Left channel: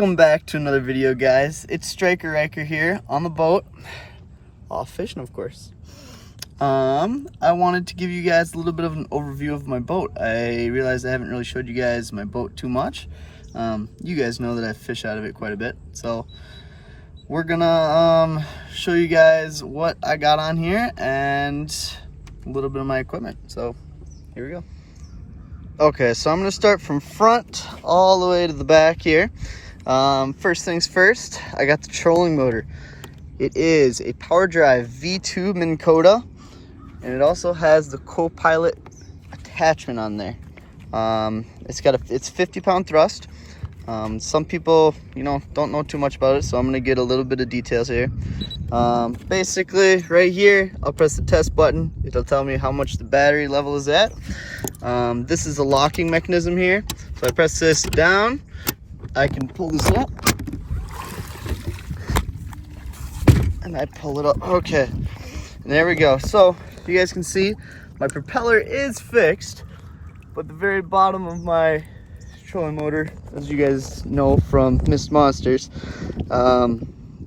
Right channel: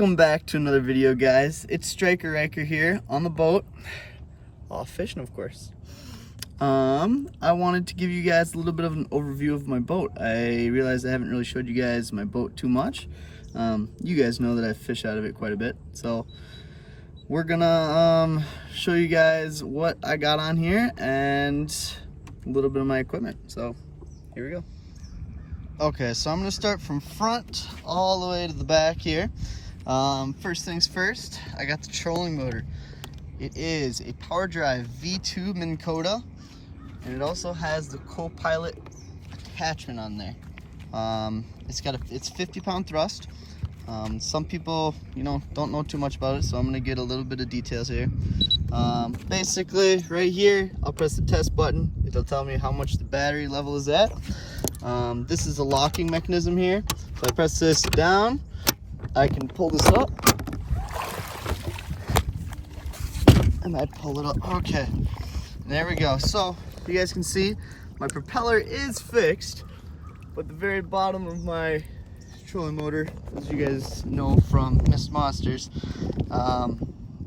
Welcome back to another video, guys. It's StrikeRyker here on the boat, off fishing, of course. I wanted to give you guys a little bit of an overview of my boat. I realized I haven't really showed you guys my boat too much. You guys know that I fish out of it quite a bit, so we're gonna show you guys what I got on here and a little bit of my equipment. So here we go. Okay, so I'm gonna start from front all the way to the back here. First things first, I got the trolling motor. It is a Power Drive V2 Minn Kota, and it also has the co-pilot attachment on there. It's 50-pound thrust. Some people, don't know too much about it, so I'm gonna get a little bit of details here. Basically, right here, I'll press the test button. It'll tell me how much the battery level is at. This is a locking mechanism here. So I press this down, I can pull this up, and I pull it up. Okay, and there we go. So you guys can see my propeller is fixed, but the very bottom of my trolling motor, as you guys know from Mist Monsters,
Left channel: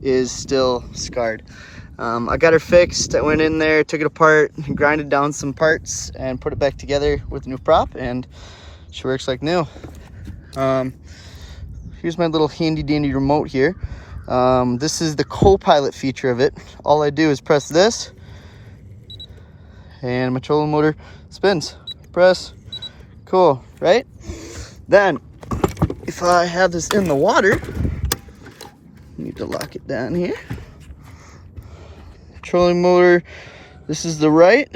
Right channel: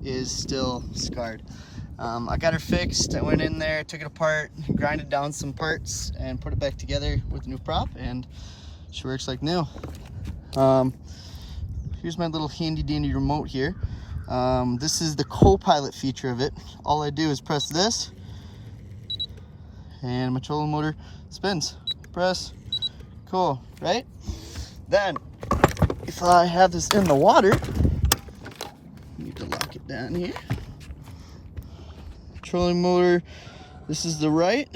is still scarred. I got her fixed. I went in there, took it apart, grinded down some parts, and put it back together with a new prop, and she works like new. Here's my little handy dandy remote here. This is the co-pilot feature of it. All I do is press this, and my trolling motor spins. Press. Cool, right? Then, if I have this in the water, need to lock it down here. Trolling motor, this is the right,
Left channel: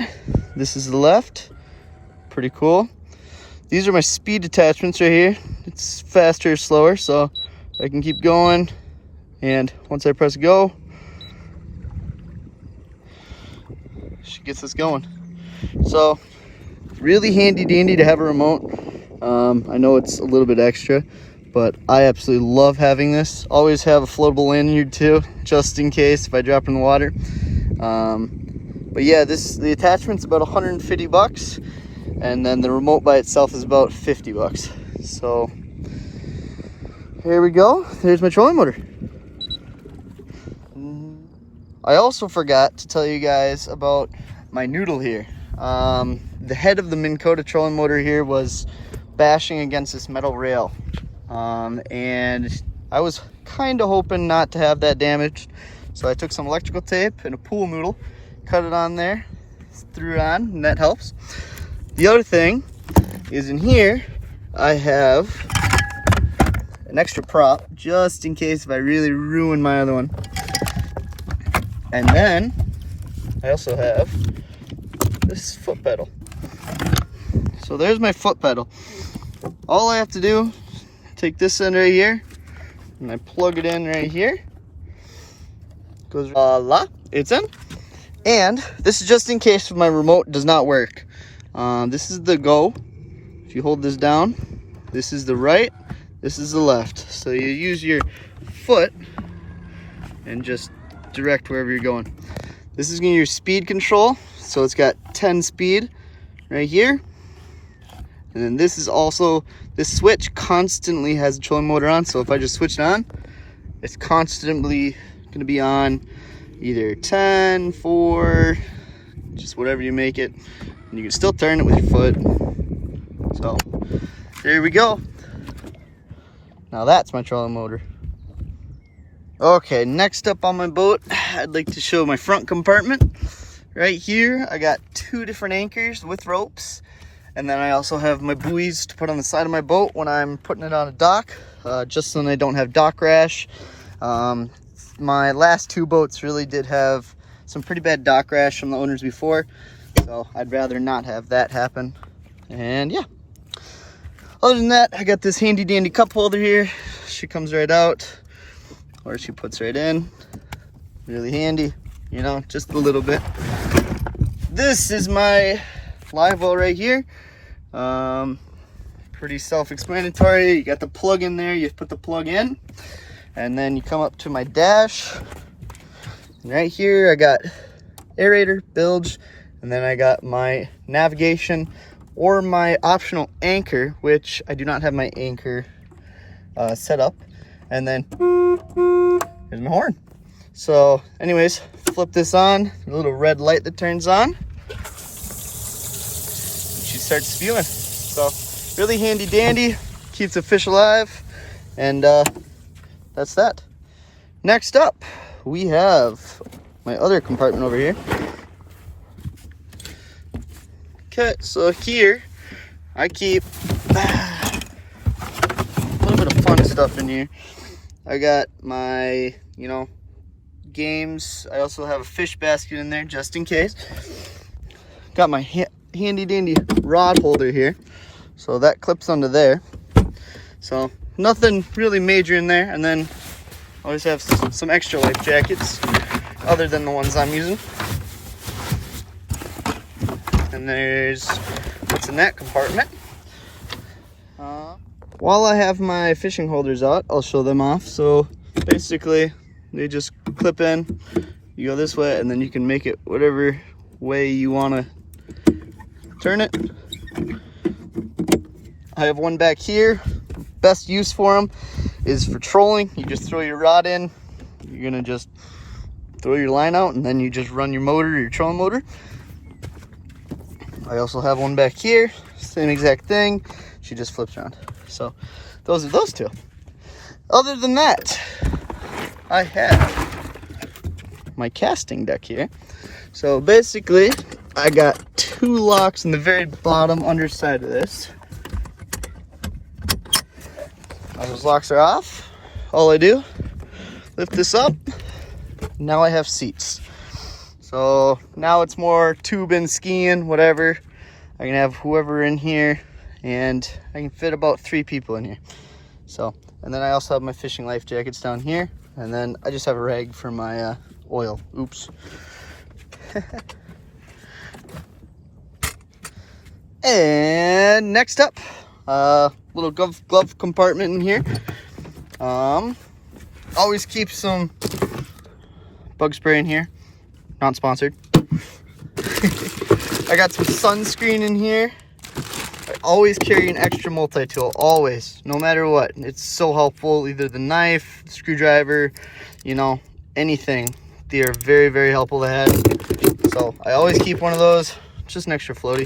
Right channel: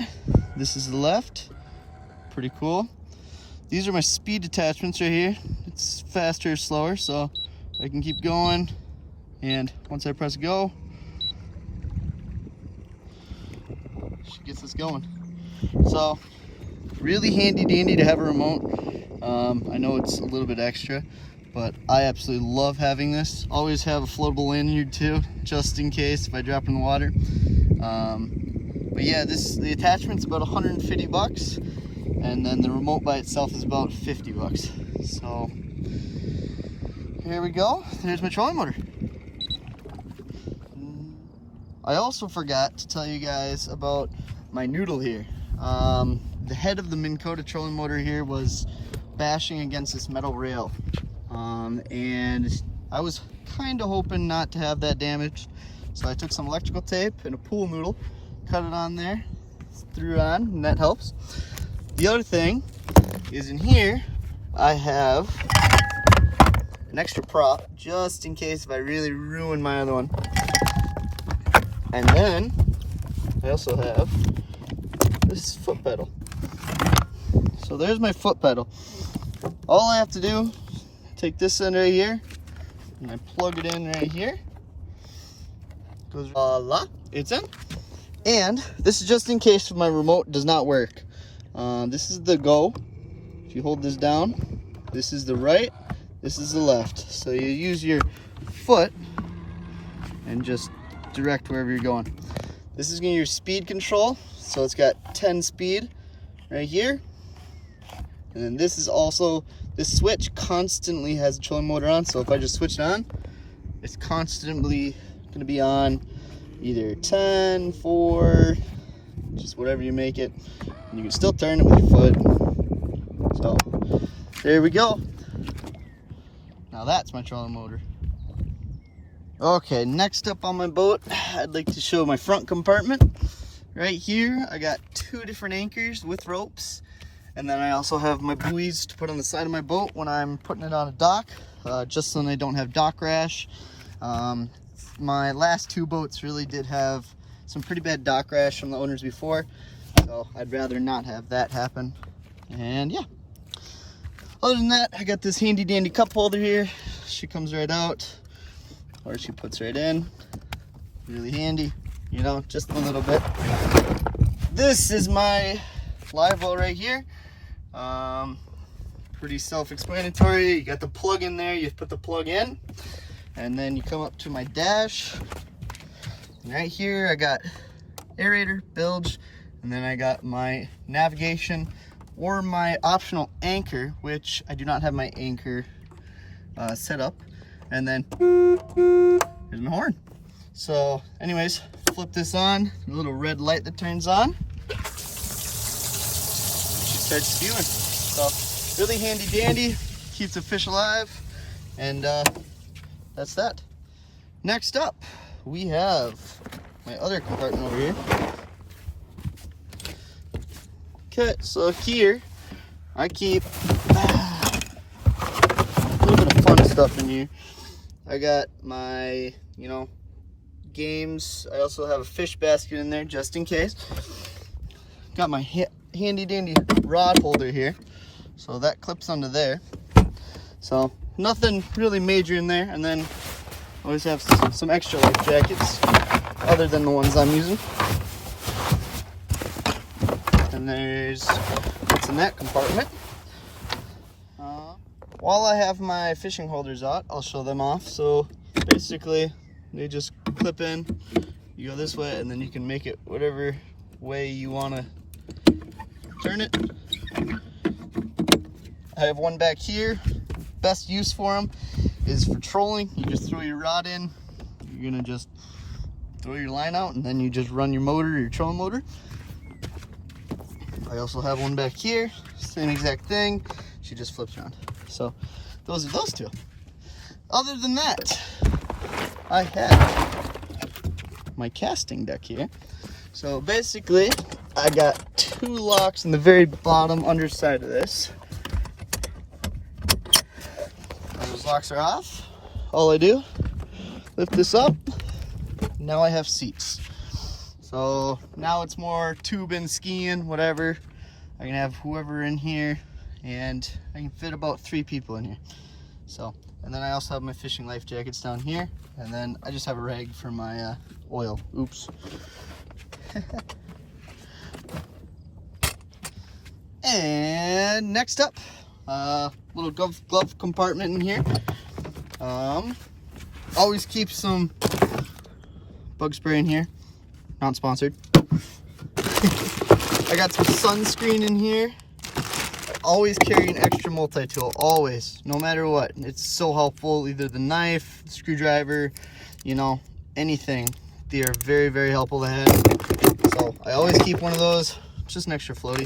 this is the left. Pretty cool. These are my speed attachments right here. It's faster or slower, so I can keep going. And once I press go, she gets us going. So really handy dandy to have a remote. I know it's a little bit extra, but I absolutely love having this. Always have a floatable lanyard too, just in case if I drop in the water. But yeah, the attachment's about 150 bucks, and then the remote by itself is about 50 bucks. So here we go. There's my trolling motor. I also forgot to tell you guys about my noodle here. The head of the Minn Kota trolling motor here was bashing against this metal rail, and I was kind of hoping not to have that damaged, so I took some electrical tape and a pool noodle, cut it on there, threw it on, and that helps. The other thing is, in here I have an extra prop just in case if I really ruin my other one. And then I also have this foot pedal. So there's my foot pedal. All I have to do, take this end right here, and I plug it in right here. Goes voila, it's in. And this is just in case my remote does not work. This is the go. If you hold this down, this is the right, this is the left. So you use your foot and just direct wherever you're going. This is gonna be your speed control. So it's got 10 speed right here. And then this is also, this switch constantly has a trolling motor on. So if I just switch it on, it's constantly gonna be on either 10, 4, just whatever you make it. And you can still turn it with your foot. So there we go. Now that's my trolling motor. Okay, next up on my boat, I'd like to show my front compartment. Right here, I got 2 different anchors with ropes. And then I also have my buoys to put on the side of my boat when I'm putting it on a dock, just so I don't have dock rash. My last 2 boats really did have some pretty bad dock rash from the owners before, so I'd rather not have that happen. And yeah, other than that, I got this handy dandy cup holder here. She comes right out, or she puts right in. Really handy, just a little bit. This is my live well right here. Pretty self-explanatory. You got the plug in there, you put the plug in, and then you come up to my dash. And right here I got aerator, bilge, and then I got my navigation or my optional anchor, which I do not have my anchor set up. and then here's my horn. So anyways, flip this on, a little red light that turns on. She starts spewing. So really handy dandy, keeps the fish alive, and that's that. Next up, we have my other compartment over here. Okay, so here I keep a little bit of fun stuff in here. I got my, games. I also have a fish basket in there just in case. Got my handy dandy rod holder here. So that clips onto there. So nothing really major in there. And then I always have some extra life jackets other than the ones I'm using. And there's what's in that compartment. While I have my fishing holders out, I'll show them off. So basically they just clip in, you go this way, and then you can make it whatever way you want to turn it. I have one back here. Best use for them is for trolling. You just throw your rod in, you're gonna just throw your line out, and then you just run your motor, your trolling motor. I also have one back here, same exact thing. She just flips around. So those are those two. Other than that, I have my casting deck here. So basically, I got two locks in the very bottom underside of this. Now those locks are off. All I do, lift this up. Now I have seats. So now it's more tubing, skiing, whatever. I can have whoever in here, and I can fit about 3 people in here. So, and then I also have my fishing life jackets down here, and then I just have a rag for my oil. Oops. And next up, little glove compartment in here. Always keep some bug spray in here. Not sponsored. I got some sunscreen in here. I always carry an extra multi-tool, always, no matter what. It's so helpful, either the knife, the screwdriver, anything. They are very, very helpful to have. So I always keep one of those, just an extra floaty.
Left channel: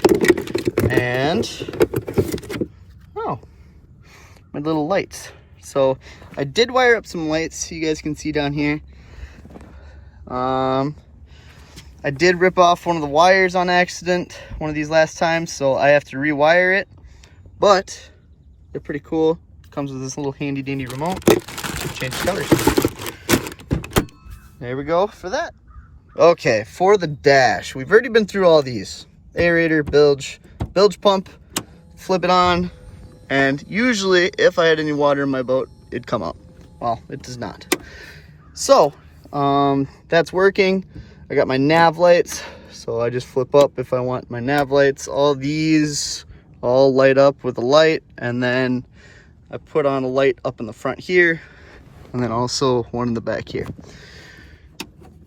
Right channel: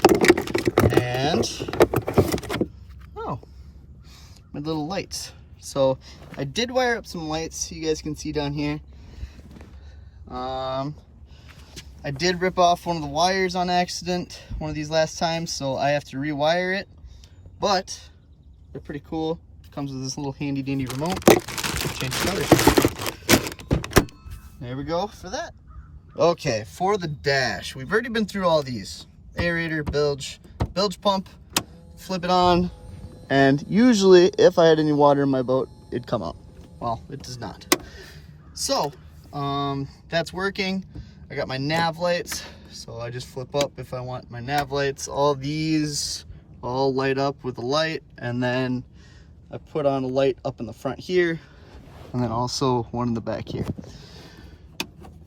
And, my little lights. So I did wire up some lights, you guys can see down here. I did rip off one of the wires on accident one of these last times, so I have to rewire it, but they're pretty cool. Comes with this little handy dandy remote. Change colors. There we go for that. Okay, for the dash, we've already been through all these. Aerator, bilge pump, flip it on, and usually if I had any water in my boat, it'd come out. Well, it does not. So, that's working. I got my nav lights, so I just flip up if I want my nav lights. All these all light up with a light, and then I put on a light up in the front here, and then also one in the back here.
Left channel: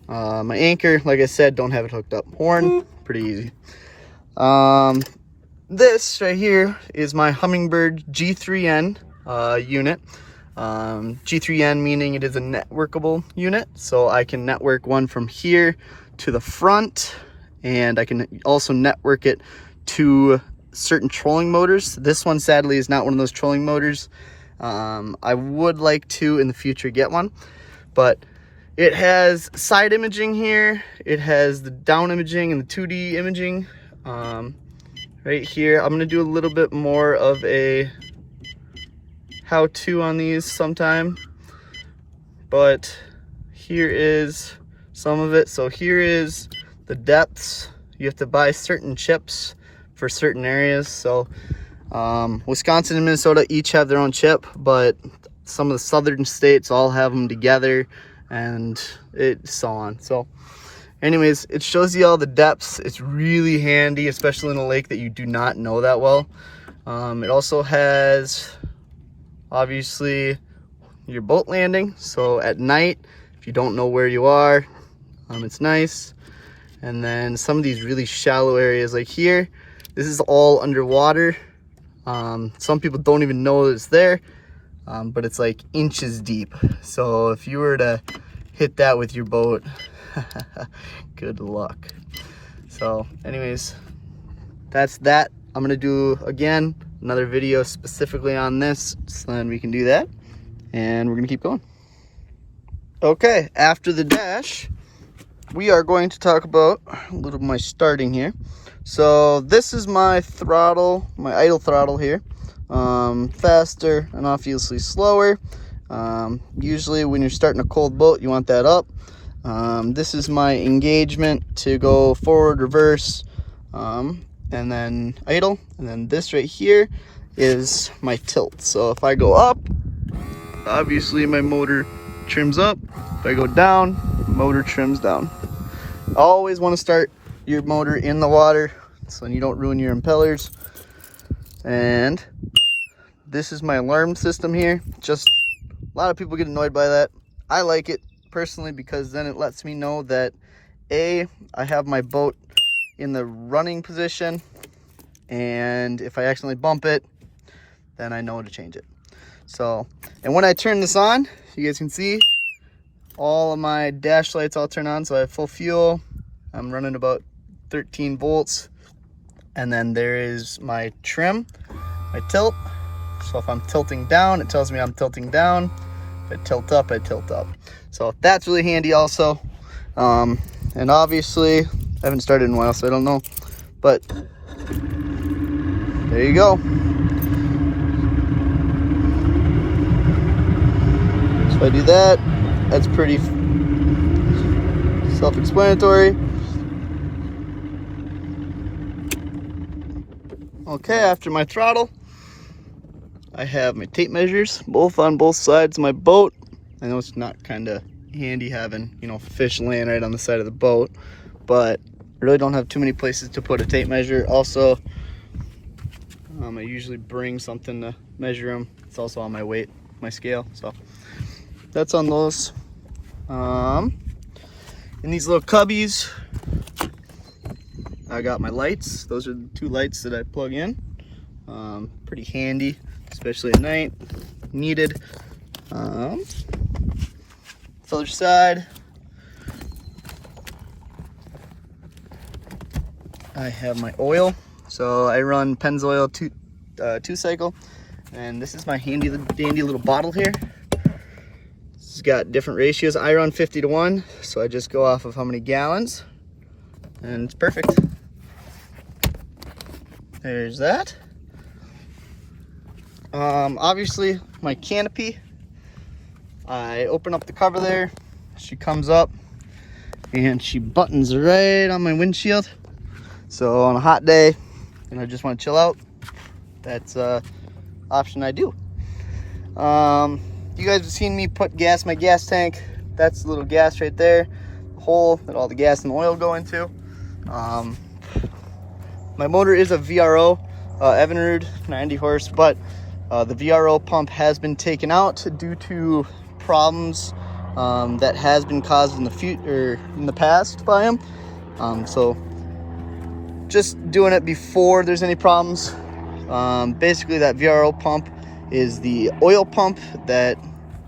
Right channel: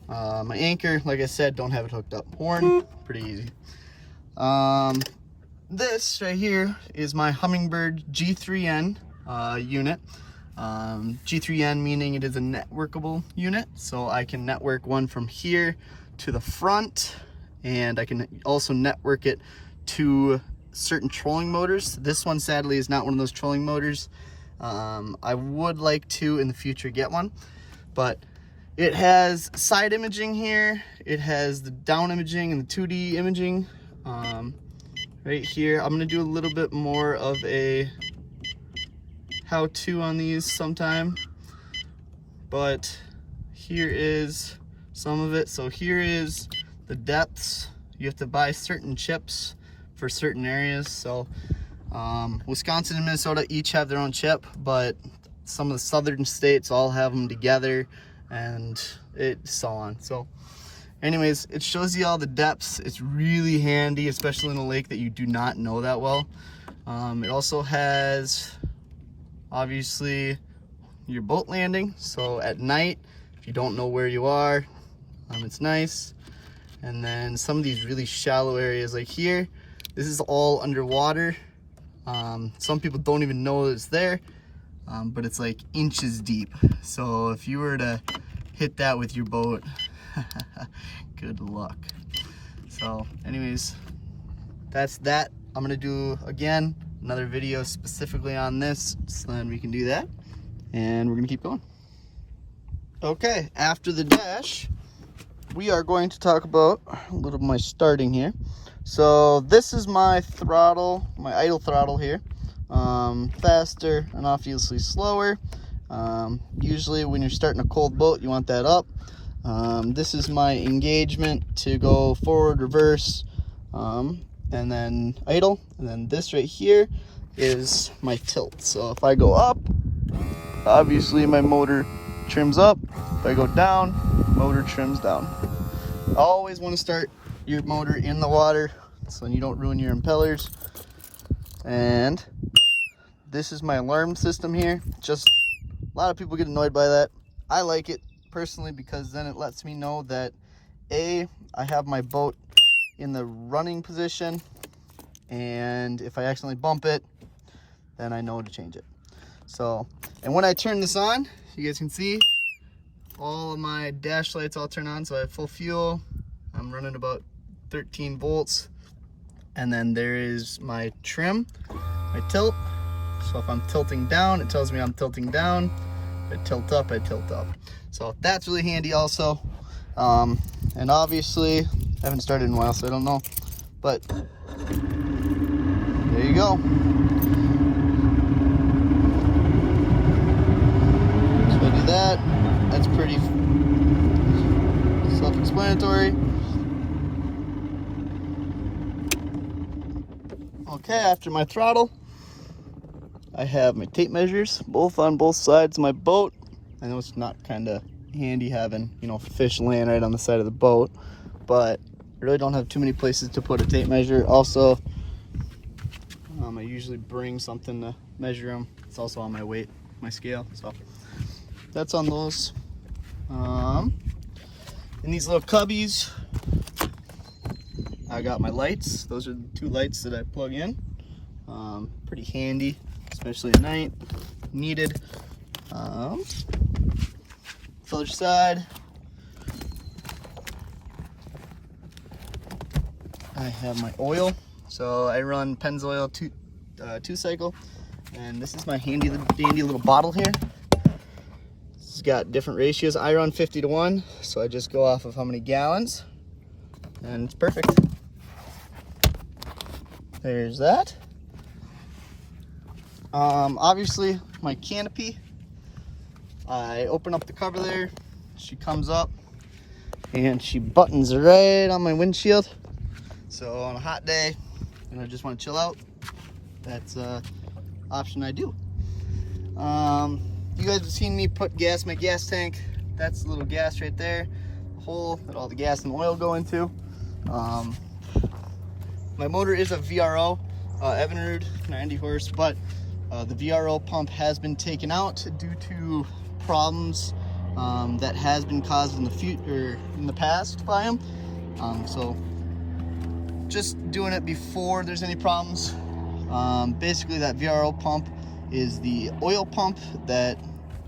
My anchor, like I said, don't have it hooked up. Horn, pretty easy. This right here is my Humminbird G3N unit. G3N meaning it is a networkable unit, so I can network one from here to the front, and I can also network it to certain trolling motors. This one sadly is not one of those trolling motors. I would like to in the future get one, but it has side imaging here, it has the down imaging and the 2D imaging. Right here, I'm gonna do a little bit more of a how-to on these sometime, but here is some of it. So here is the depths. You have to buy certain chips for certain areas. So Wisconsin and Minnesota each have their own chip, but some of the southern states all have them together, and so on. So anyways, it shows you all the depths. It's really handy, especially in a lake that you do not know that well. It also has obviously your boat landing, so at night if you don't know where you are, it's nice. And then some of these really shallow areas like here, this is all underwater. Some people don't even know it's there. but it's like inches deep. So if you were to hit that with your boat, good luck. So anyways, that's that. I'm gonna do again another video specifically on this, so then we can do that, and we're gonna keep going. Okay, after the dash, we are going to talk about a little of my starting here. So this is my throttle, my idle throttle here. Faster and obviously slower. Usually when you're starting a cold boat, you want that up. This is my engagement to go forward, reverse, and then idle. And then this right here is my tilt. So if I go up, obviously my motor trims up. If I go down, motor trims down. Always want to start your motor in the water so you don't ruin your impellers. And this is my alarm system here. Just a lot of people get annoyed by that. I like it personally because then it lets me know that I have my boat in the running position, and if I accidentally bump it, then I know to change it. So, and when I turn this on, you guys can see all of my dash lights all turn on. So I have full fuel. I'm running about 13 volts. And then there is my trim, my tilt. So if I'm tilting down, it tells me I'm tilting down. If I tilt up, I tilt up. So that's really handy also. And obviously, I haven't started in a while, so I don't know. But there you go. So if I do that, that's pretty self-explanatory. Okay, after my throttle, I have my tape measures, both on both sides of my boat. I know it's not kind of handy having, you know, fish laying right on the side of the boat, but I really don't have too many places to put a tape measure. Also, I usually bring something to measure them. It's also on my weight, my scale, so that's on those. In these little cubbies, I got my lights. Those are the two lights that I plug in. Pretty handy, especially at night. Needed. Other side, I have my oil. So I run Pennzoil 2 cycle, and this is my handy little bottle here. It's got different ratios. I run 50-to-1, so I just go off of how many gallons, and it's perfect. There's that. Obviously my Canopy. I open up the cover there. She comes up and she buttons right on my windshield. So on a hot day, and I just want to chill out, that's an option I do. You guys have seen me put gas in my gas tank. That's a little gas right there, the hole that all the gas and oil go into. My motor is a VRO, Evinrude 90 horse, but the VRO pump has been taken out due to problems that has been caused in the past by him. So just doing it before there's any problems. Basically that VRO pump is the oil pump that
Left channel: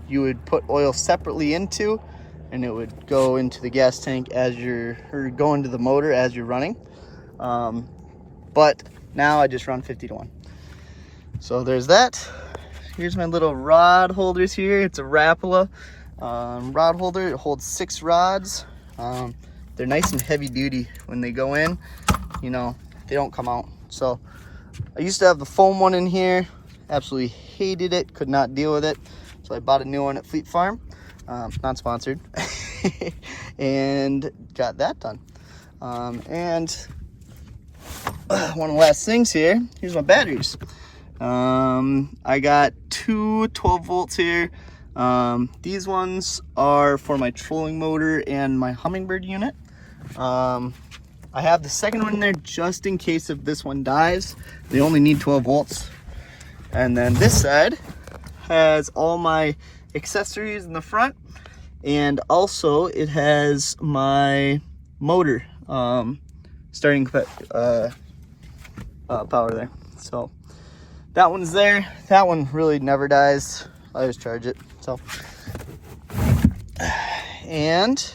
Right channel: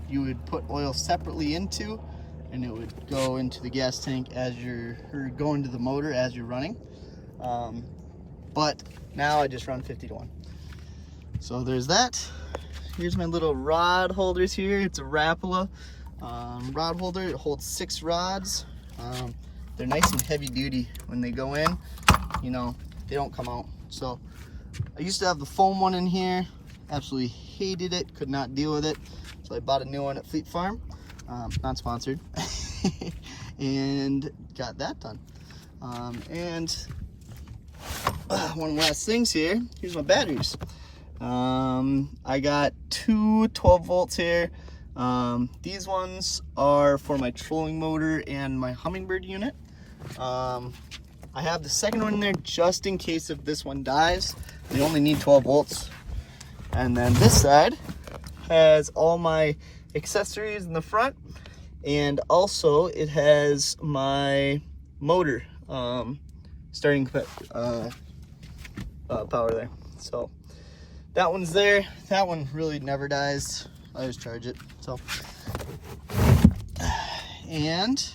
you would put oil separately into, and it would go into the gas tank or go into the motor as you're running. But now I just run 50-to-1. So there's that. Here's my little rod holders here. It's a Rapala rod holder. It holds 6 rods. They're nice and heavy duty. When they go in, you know, they don't come out. So I used to have the foam one in here. Absolutely hated it, could not deal with it. So I bought a new one at Fleet Farm. Not sponsored. And got that done. And one of the last things here, here's my batteries. I got two 12 volts here. These ones are for my trolling motor and my Hummingbird unit. I have the second one in there just in case if this one dies. They only need 12 volts. And then this side has all my accessories in the front, and also it has my motor starting power there. So that one's there. That one really never dies. I just charge it. So, and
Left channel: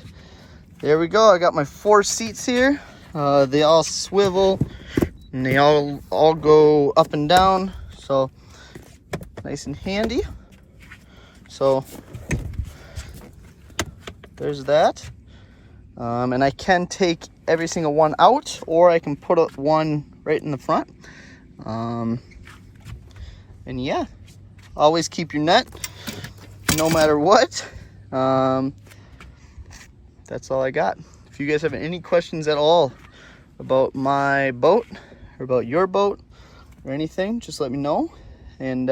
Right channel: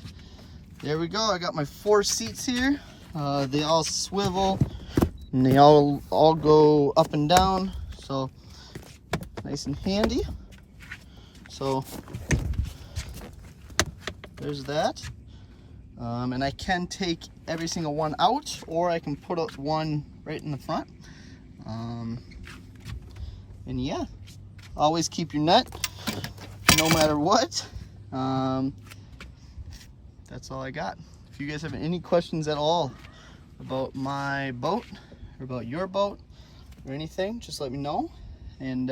there we go. I got my 4 seats here. They all swivel and they all go up and down. So nice and handy. So there's that. And I can take every single one out, or I can put up one right in the front. And yeah, always keep your net no matter what. That's all I got. If you guys have any questions at all about my boat or about your boat or anything, just let me know, and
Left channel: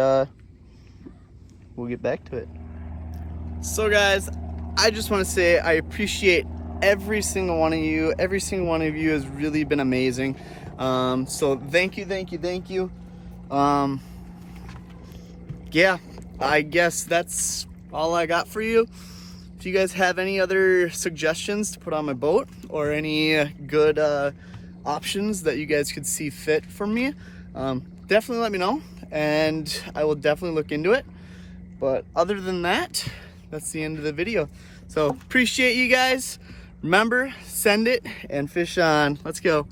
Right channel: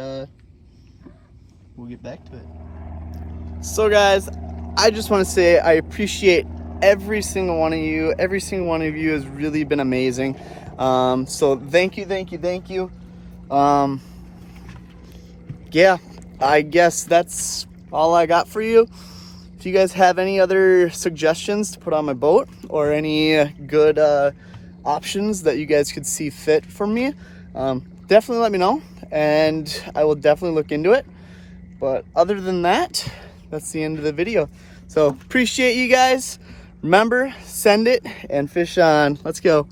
we'll get back to it. So guys, I just want to say I appreciate every single one of you. Every single one of you has really been amazing. So thank you. Yeah, I guess that's all I got for you. If you guys have any other suggestions to put on my boat, or any good options that you guys could see fit for me, definitely let me know, and I will definitely look into it. But other than that, that's the end of the video. So appreciate you guys. Remember, send it and fish on. Let's go.